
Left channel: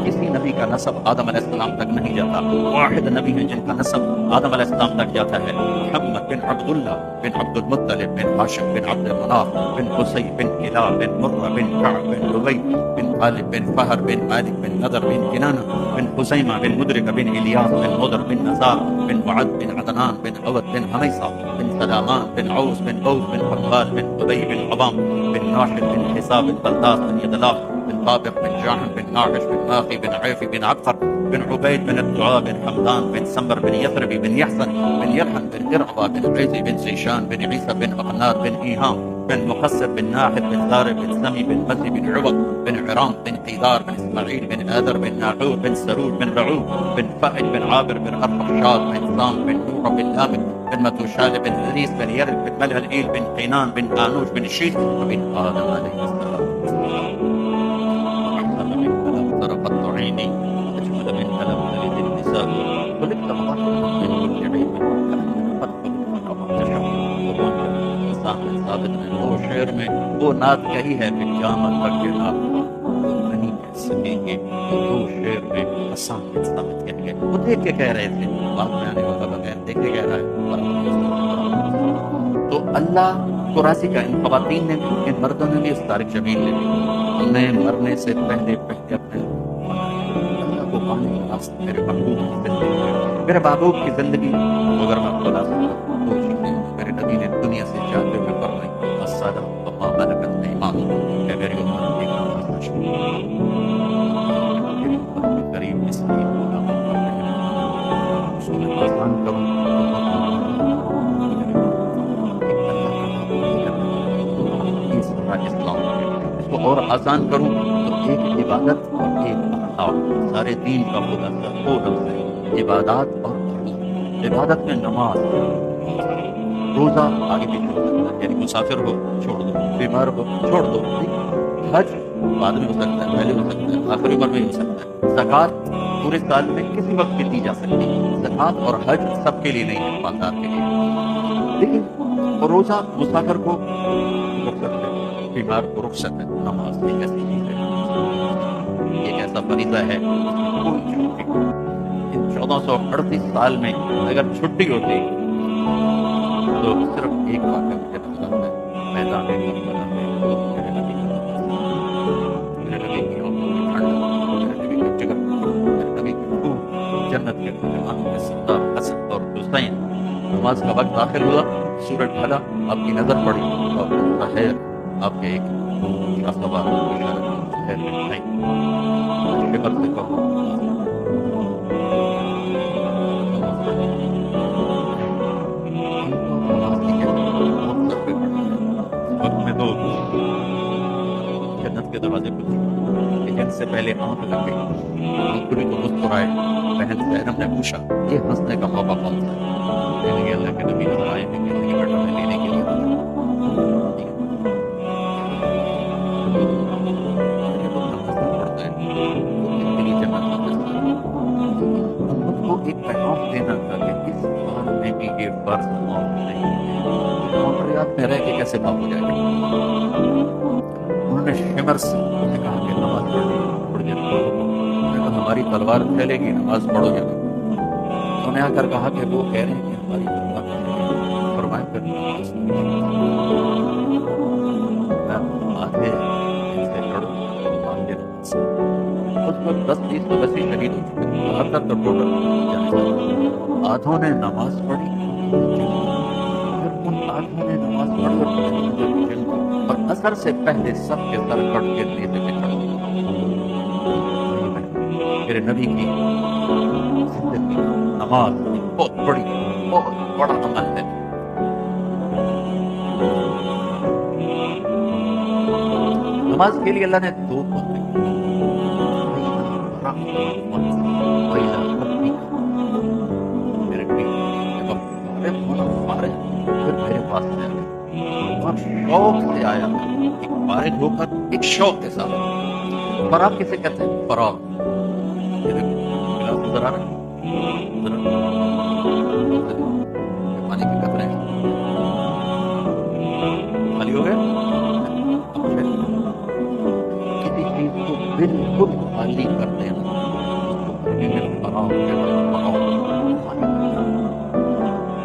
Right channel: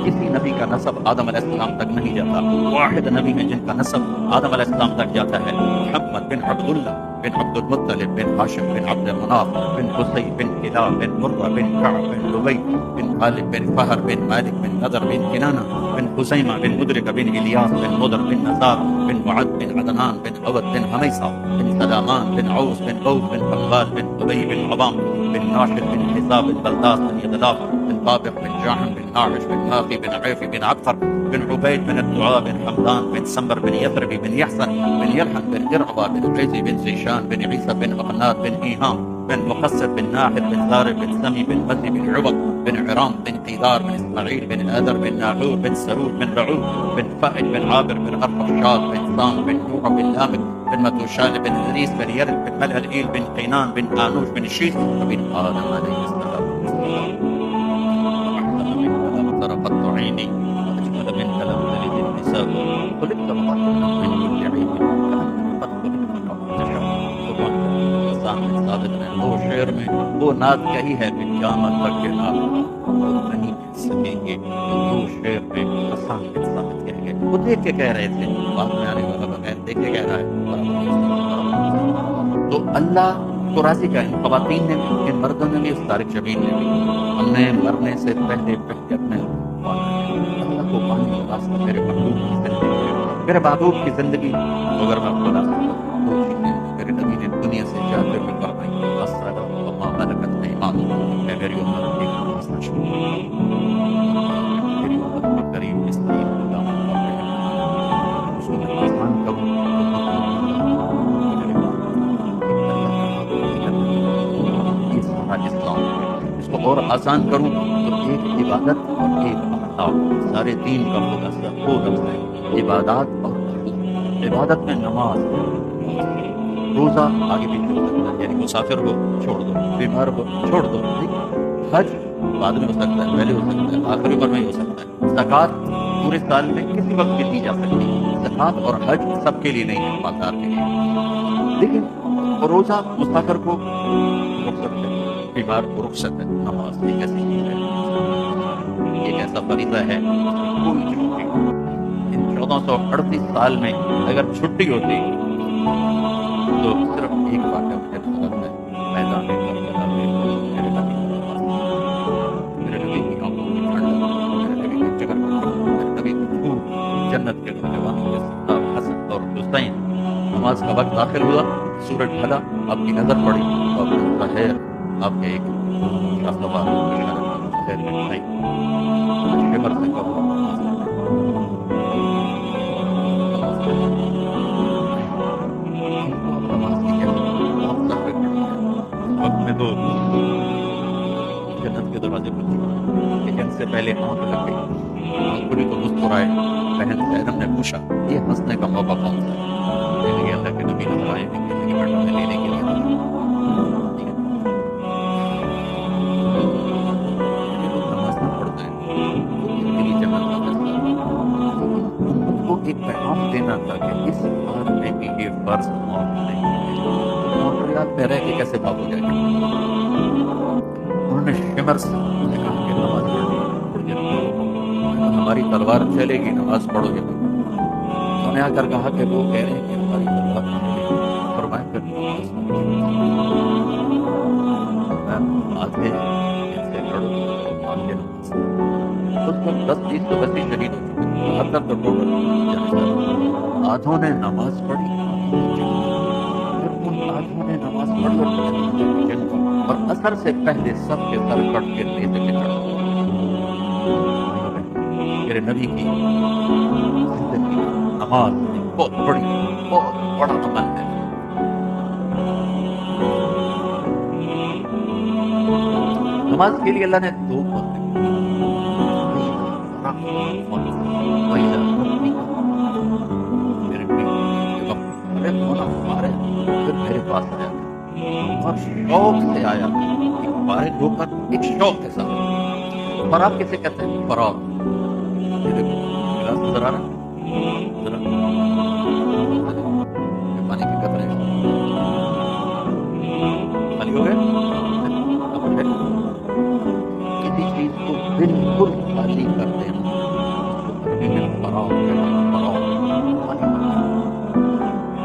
کسی نبی کا نسب آدم علیہ السلام تک نہیں جاتا، واحد نبی ہیں جن کا نسب آدم علیہ السلام تک جاتا ہے، محمد بن عبداللہ بن عبد المطلب بن ہاشم بن عبد مناف بن قصی بن کلاب بن مرہ بن کعب بن لبی بن غالب بن فہر بن مالک بن نضر بن کنانہ بن خزیمہ بن مدرک بن الیاس بن مدر بن نزار بن وعد بن عدنان بن عود بن حمیصہ بن سلامان بن عوس بن بوز بن خمال بن قبی بن عظام بن ناشد بن حساب بن بلداس بن یدلاف بن طابق بن جاحم بن ناحش بن ماخی بن عیفی بن عبقر بن عبید بن الدعاء بن حمدان بن سمبر بن یثربی بن یحسن بن یلحن بن ارعبا بن عیزی بن زیشان بن عیسى بن اقناد بن ایہام بن مقصد بن ناحد بن ضارب بن سمی بن مزی بن عوق بن عرام بن قیدار بن اسماعیل بن آدر بن ناحور بن سرور بن رعوب بن فائد بن عابر بن ارفشاد بن سام بن نوح بن لامك بن متوشال بن ادریس بن یرد بن ملهلئیل بن قینان بن آنوش بن شیث وبن آدم علیہ السلام وأحسن منك لم ترقت عيني وأجمل منك لم تلد النساء خلقت مطهرا من كل عيب كأنك قد خلقت كما تشاء۔ ثابت نے وہ شعر میں وہ نعت کہی ہے کہ قیامت تک کے نعت وہ نہیں کہہ سکیں گے، تو دو شعر میں حسان بن ثابت کہہ گئے، وہ دیکھ کے کہہ رہے تھے، بعد میں آنے والا بغیر دیکھ کے کہہ رہا ہے۔ تو اللہ کو راضی کا ان خواتین نے بھی، ان مردوں نے بھی، اس طارق جمیل نے بھی، ہم نے مرنے سے پہلے اپنے اللہ کو پانے کا راستہ میرے محبوب کی زندگی ہے، میرے محبوب کی زندگی اگر میں آپ کو راستہ دو چیزیں میرے نبی نے دنیا سے جاتے ہوئے فرمائی، الصلاۃ وما ملکت ایمانکم، اے میری امت ایک نماز نہ چھوڑو، میری امت کے قریب مسکین غلاموں پر رحم، اس کو میں آسان کروں تو یہ سارا اسلام ہے، اس کو اور آسان کروں تو ایک عبادت اور ایک اخلاق، سارے دین کا خلاصہ وہ لفظ ہے عبادات اور اخلاق۔ عبادت میں نماز، روزہ آگے بھی چھوڑ سکتا ہے، یعنی مسافر ہو چھوڑ دو، بیمار ہو چھوڑ دو، حج بعد میں ہو سکتا ہے، پہلے ہو سکتا ہے، آخری عمر میں ہی ہو سکتا ہے، زکوٰۃ پورے سال میں کسی وقت بھی دی جا سکتی ہے، زکوٰۃ اور حج سب کے لیے نہیں ہے، مالدار کے لیے، لیکن روزہ مسافر کو رخصت ہے، بیمار کو رخصت ہے، نماز ایک ایسی چیز ہے، ایک ایسا فریضہ ہے کوئی چھٹی، ان 1438 سال میں اگر چھٹی ہوتی تو صرف ایک واقعہ مجھے نظر ہے، میدان کربلا میں میرے نبی کا نماز، میرے نبی کی آنکھوں کی ٹھنڈک، میرے نبی کے جگر کا ٹکڑا، میرے نبی کے پھول، جنت کے نوجوانوں کے سردار حسن اور حسین، نماز کا وقت داخل ہوا، سورج ڈھلا، آپ کی نظر پڑی تو اپنے ظاہر آپ کے ایک شاہ سوار بشارت ظاہر میں آئی، شمر سے کہو وقت میں تو جنت کے دروازے کھل چکے کہ جنگ سے پہلے آنکھ لگ گئی، آنکھ کھلی تو مسکرائے، بہن زینب نے پوچھا یہ ہنسنے کا موقع کون سا ہے؟ کہنے لگے اللہ کے نبی نظر آئے ہیں، کہنے لگے بیٹا میں لینے کے لیے یہ لوگ نماز نہیں پڑھتے ہیں، ان کے لیے جنت کا فیصلہ، لیکن امت کو ایک پیغام دینا تھا کہ اس حال میں بھی یہ فرض معاف نہیں ہے، مونٹریال میں رہ کے کیسے معاف ہو جائے گا؟ انہوں نے شمر سے کہا کہ نماز پڑھنی تھوڑی دیر ہماری تلوار چلے گی، نماز پڑھو گے؟ انہوں نے آ کر کہا کہ وہ کہہ رہے ہیں کہ ہماری تلوار چلے گی، فرمائے پھر آدھے ان سے لڑو، آدھے نماز، اس وقت 10-20 تو ویسے شہید ہو چکے، 72 تو ٹوٹل جانے جانے، آدھوں نے نماز پڑھی، پھر ان آدھوں نے نماز پڑھی اور جنگ کی، اور اثر سے پہلے سب کے سر کٹ کے نیزے پہ چڑھ گئے۔ میرے نبی کی زندگی نماز بہت بڑا عمل ہے۔ نماز کے لیے اللہ نے دو باتیں میرے نبی جب فارغ ہونا فارغ پھر میرے پاس آیا اور شوق سے آیا، ایک فارغ ہو کر ایک شوق کے ساتھ۔ فراغ کسے کہتے ہیں؟ فراغ یہ دیکھو گلاس نظر آ رہا ہے، ذرا یہ پانی کے قطرے ہیں خالی ہو گئے۔ اب ہے کسی چیز کو بالکل خالی کر دینا، اس کو عربی میں فراغ کہتے ہیں، فراغ خالی کر دینا۔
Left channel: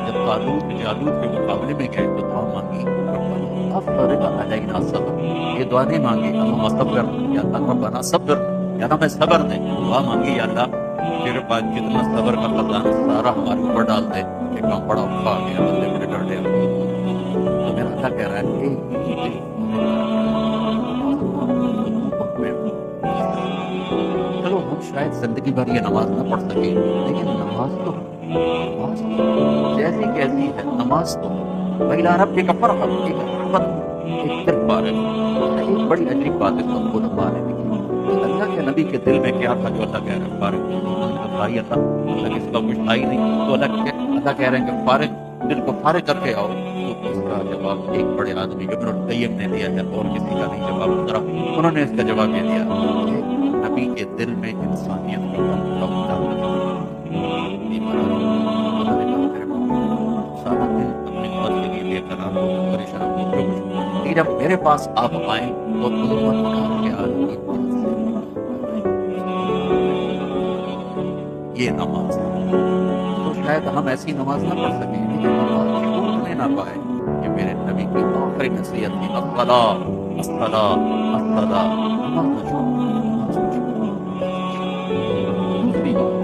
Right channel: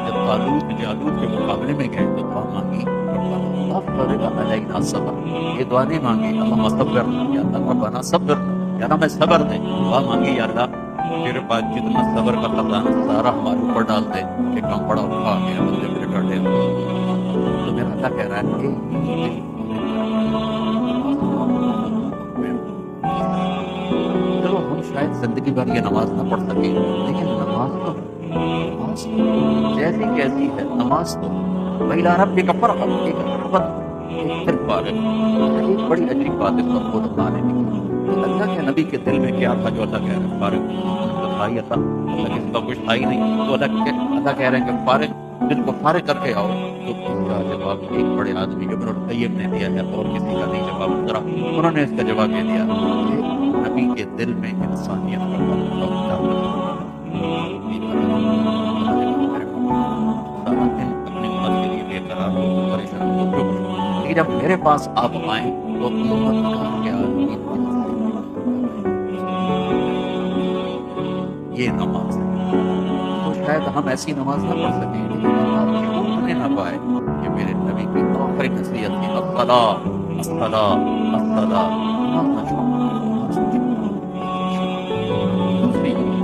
جب طالوت جالوت کے مقابلے میں گئے تو دعا مانگی ربنا افرغ علینا صبر، یہ دعا نہیں مانگی اللہم صبر، یا اللہ ربنا صبر، یا اللہ میں صبر دے، دعا مانگی یا اللہ تیرے پاس جتنا صبر کا خزانہ سارا ہمارے اوپر ڈال دے کہ کام بڑا اٹھا گیا، بندے بڑے ڈرے ہو۔ تو میرا اللہ کہہ رہا ہے کہ چلو ہم شاید زندگی بھر یہ نماز نہ پڑھ سکیں، لیکن نماز تو جیسی کیسی ہے نماز تو وَإِلَىٰ رَبِّكَ فَارْغَب، ایک رغبت، ایک دل فارغ۔ ایک بڑی عجیب بات اس وقت خود علماء نے لکھی کہ اللہ کے نبی کے دل میں کیا تھا جو اللہ کہہ رہے ہیں فارغ؟ ان کا تھا ہی اللہ کے سوا کچھ تھا ہی نہیں، تو اللہ کہہ رہے ہیں کہ فارغ، دل کو فارغ کر کے آؤ۔ تو اس کا جواب ایک بڑے آدمی ابن القیم نے دیا ہے، اور کسی کا نہیں جواب ذرا انہوں نے اس کا جواب یہ دیا کہ نبی کے دل میں انسانیت کا سارا دل اپنی امت کے لیے بے قرار ہو، پریشان ہو، جو کچھ، لیکن جب میرے پاس آپ آئیں تو امت کا خیال بھی دل سے یہ نماز ہے۔ تو شاید ہم ایسی نماز نہ پڑھ سکیں، لیکن نماز چھوٹنے نہ پائے کہ میرے نبی کی آخری نصیحت تھی الصلاۃ الصلاۃ الصلاۃ، نماز نہ چھوڑو، نماز نہ چھوڑو۔ دوسری بات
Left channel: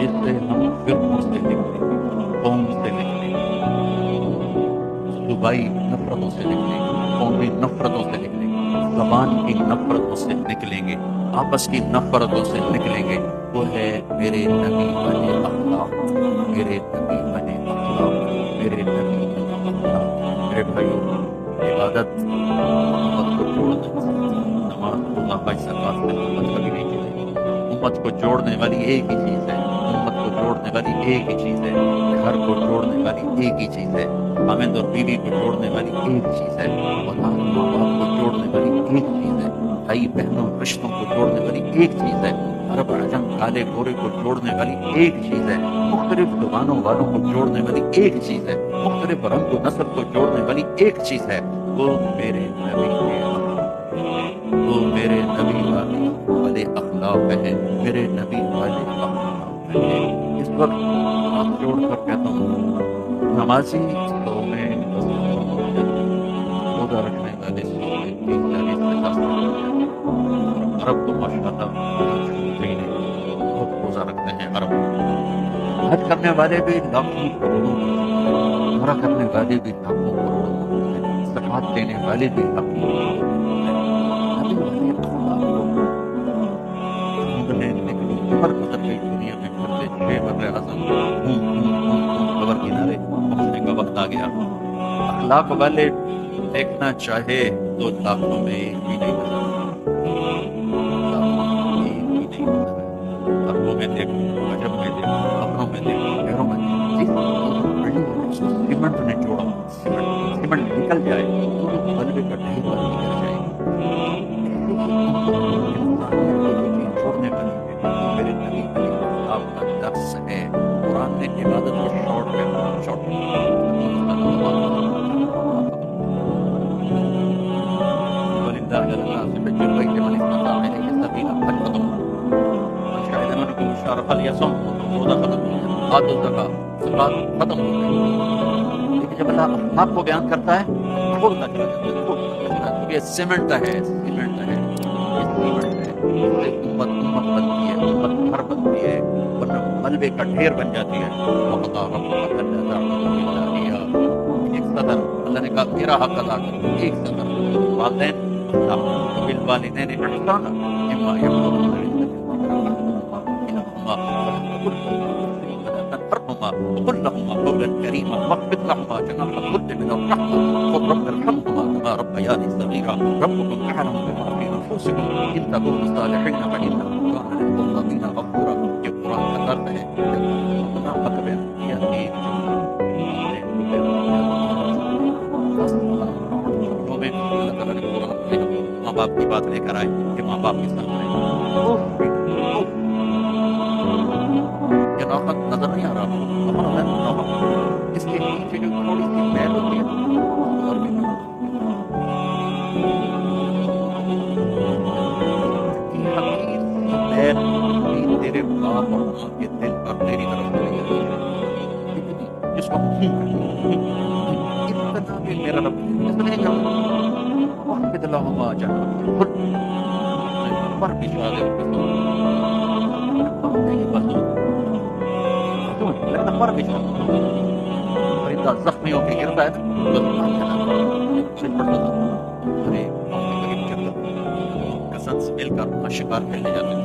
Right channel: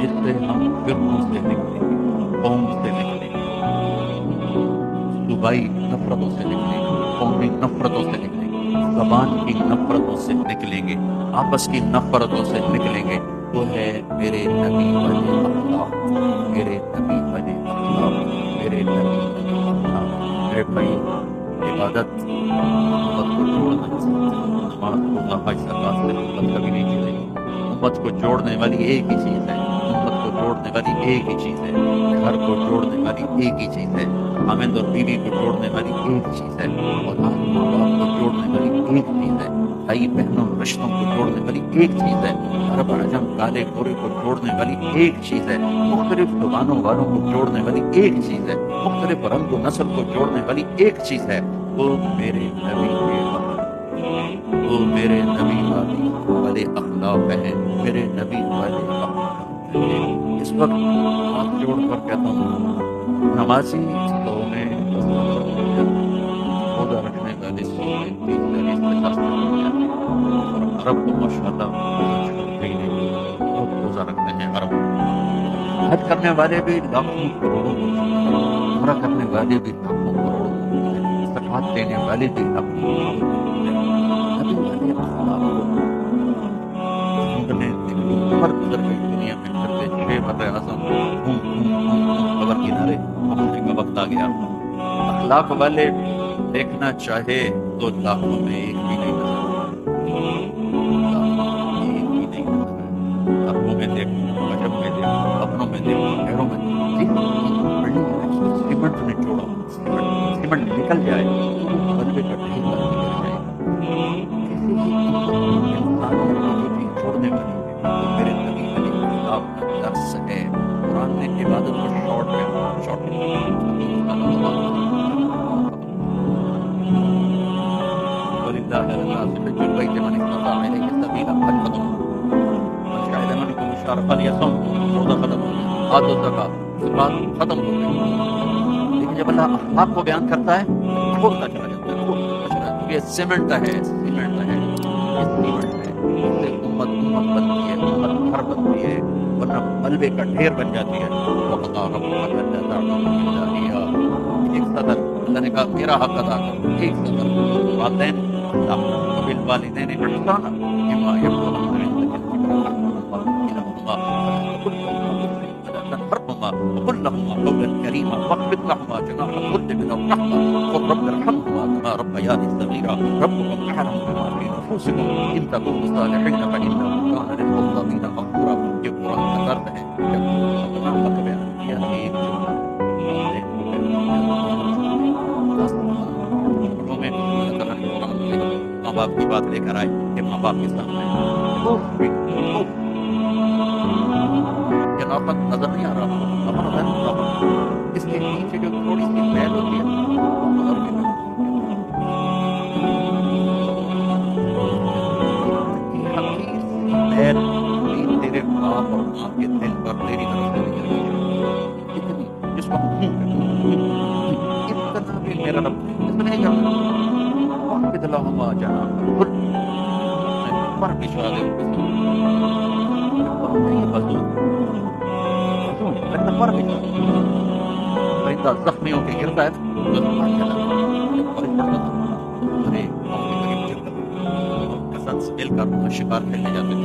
جس سے ہم فرقوں سے نکلیں گے، قوم سے نکلیں گے، صوبائی نفرتوں سے نکلیں گے، قومی نفرتوں سے نکلیں گے، زبان کی نفرتوں سے نکلیں گے، آپس کی نفرتوں سے نکلیں گے، وہ ہے میرے نبی والے اخلاق، میرے نبی والے اخلاق، میرے نبی والے اخلاق۔ میرے بھائیوں، عبادت امت کو جوڑنا، نماز روزہ حج زکات سے امت کبھی نہیں جڑے گی۔ امت کو جوڑنے والی ایک ہی چیز ہے، امت کو جوڑنے والی ایک ہی چیز ہے، گھر کو جوڑنے والی ایک ہی چیز ہے، خاوند اور بیوی کو جوڑنے والی ایک چیز ہے، اولاد ماں باپ کو جوڑنے والی ایک چیز ہے، بھائی بہنوں رشتوں کو جوڑنے والی ایک چیز ہے، عرب عجم کالے گورے کو جوڑنے والی ایک چیز ہے، مختلف زبانوں والوں کو جوڑنے والی ایک چیز ہے، مختلف رنگ و نسل کو جوڑنے والی ایک چیز ہے، وہ میرے نبی کے وہ میرے نبی والے اخلاق ہیں، میرے نبی والے اخلاق ہیں۔ اس وقت ہاتھ جوڑ کر کہتا ہوں، نمازی 100 میں 10 روزہ رکھنے والے 100 میں 30 40 50 ہو جاتے ہیں، اور عرب تو ماشاءاللہ روزہ چھوڑتے ہی نہیں، بہت روزہ رکھتے ہیں عرب۔ حج کرنے والے بھی لاکھوں کروڑوں موجود ہیں، عمرہ کرنے والے بھی لاکھوں کروڑوں موجود ہیں، زکات دینے والے بھی لاکھوں کروڑوں موجود ہیں۔ نبی والے اخلاق کو ڈھونڈنے نکلو، عمر گزر گئی دنیا میں پھرتے 6 بر اعظم قبر کنارے پہنچنے کا وقت آ گیا۔ اخلاق والے دیکھنا چاہے تو لاکھوں میں ایک بھی نہیں نظر آئے، لاکھوں میں ایک بھی نہیں نظر آئے۔ عربوں میں دیکھو، عجم میں دیکھو، اپنوں میں دیکھو، غیروں میں دیکھو، جس بلڈنگ ہے اس کو سیمنٹ نے جوڑا، سیمنٹ نکل جائے تو وہ ملبے کا ڈھیر بن کے گر جائے۔ انسانیت کو جو چیز چھوڑنے والی ہے وہ میرے نبی علیہ السلام کا درس ہے۔ قرآن نے عبادت کو شارٹ کیا، شارٹ کیا۔ وَلِلَّهِ عَلَى النَّاسِ حِجُّ الْبَيْتِ مَنِ اسْتَطَاعَ إِلَيْهِ سَبِيلًا، حج ختم، من شهد منكم الشهر فليصم، روزہ ختم ہو گیا، آتوا الزکاۃ، زکات ختم ہو گئی۔ لیکن جب اللہ اخلاق کو بیان کرتا ہے کھولتا چلا جاتا ہے، کھولتا چلا جاتا ہے، کیونکہ یہ سیمنٹ ہے، سیمنٹ ہے، یہ سیمنٹ ہے، اس سے امت بنتی ہے، امت گھر بنتی ہے، ورنہ ملبے کا ڈھیر بن جاتی ہے۔ وَقَضَىٰ رَبُّكَ أَلَّا تَعْبُدُوا إِلَّا إِيَّاهُ، ایک سطر اللہ نے کہا میرا حق ادا کرو، ایک سطر والدین اخلاق، وبالوالدین احسانا اما يبلغن عندك الكبر احدهما او كلاهما فلا تقل لهما اف ولا تنهرهما عنهما وقل لهما قولا كريما واخفض لهما جناح الذل من الرحمة وقل رب ارحمهما كما ربياني صغيرا ربكم أعلم بما في نفوسكم إن تكونوا صالحين فإنه كان للمتقين غفورا. یہ قرآن کا درد ہے جب اپنا حق بیان کیا ایک جملہ میں اللہ تعالیٰ نے قرآن میں ماں باپ کی بات لے کر آئے کہ ماں باپ کے سامنے یہ نوخت نظر نہیں آ رہا آپ کو اپنا ذہن نوخت اس کے نیچے جو تھوڑی سی میل ہوتی ہے اس کو عربی میں حقیر سی میل بھی تیرے باپ اور ماں کے دل پر تیری طرف سے نہیں آئی ہے اتنی جس کو اتنا بھی میرا رب اس نہیں جانا واحفظ لهما جناح الذل پر بشارے ان کے ساتھ یہ بزود لگتا پر بشارے پرندہ زخمیوں کے گرتا ہے بس بارش پڑتا تھا ارے ہم کے قریب جنگل کسنس مل کر وہاں شکار کھیلنے جاتے تھے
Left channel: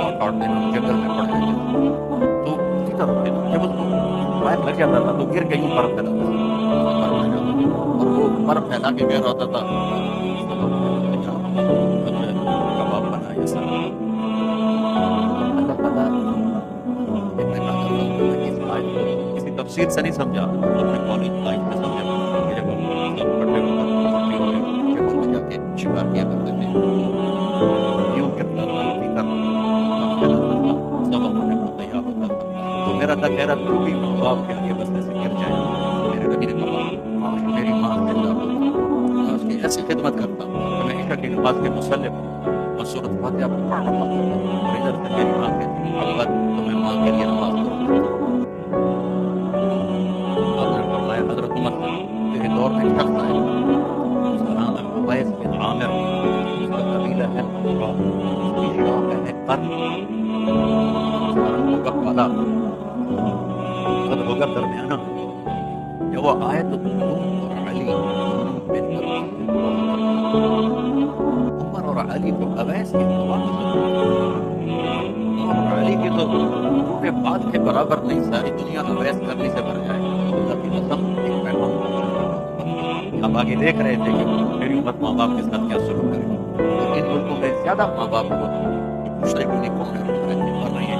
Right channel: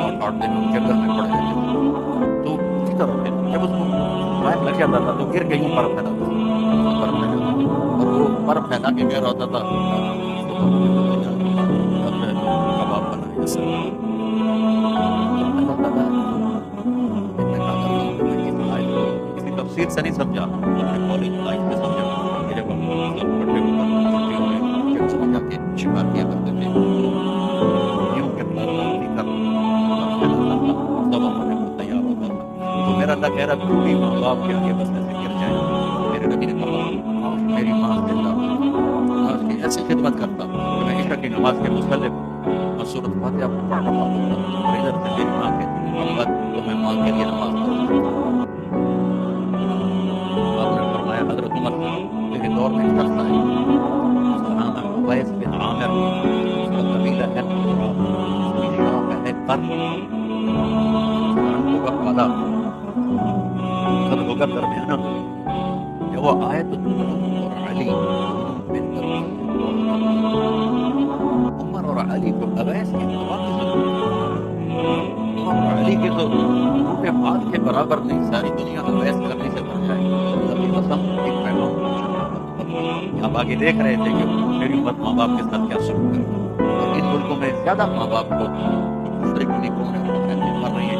اور 8 دن ہم جنگل میں پڑ رہتے تھے تو اسی طرح جب اس کو پائپ لگ جاتا تھا تو گر کے یوں پر پھیلاتا تھا اور وہ پر پھیلا کے کہہ رہا ہوتا تھا کباب بنا یا سب اللہ تعالیٰ اس آیت کو کسی تفسیر سے نہیں سمجھا اپنے کالج لائف سے سمجھا کہ جب ہم سب کٹھے ہو کر چھٹیوں میں جنگل میں جا کے شکار کیا کرتے تھے یوں کرتا تھا اسی طرح پھیلاتا تھا سب ہمارے کو تیار ہوتا تھا تو میرا اللہ کہہ رہا تو بھی ماں باپ کے آگے بس ایسے گر جائے میرے نبی نے کہا کاش میری ماں زندہ ہوتی میں اس کی ایسی خدمت کرتا کہ میں عشاء کی نماز کے مسلح میں سورۃ فاتحہ پڑھ رہا ہوتا اور ادھر سے میری ماں کہتی محمد تو میں ماں کے لیے نماز پڑھوں آپ نے فرمایا حضرت عمر تیرے دور میں شخص آئے اس کا نام ہے اویس بن عامر اس کا قبیلہ ہے قراب اس کی شاخ ہے قرن ہوگا کالا قد ہوگا درمیانہ جب وہ آئے تو تم اور علی دونوں مل کر عمر اور علی کو اویس کی دعا کی ضرورت ہے عمر اور علی کے تو ٹوٹے بال کے برابر نہیں ساری دنیا اویس کرنے سے بھر جائے اللہ کی قسم ایک پیغام آپ آگے دیکھ رہے تھے کہ میری امت ماں باپ کے ساتھ کیا سلوک کرے گا اور ان ملکوں میں زیادہ ماں باپ کو مشرق نہیں کون ہے مر رہی ہے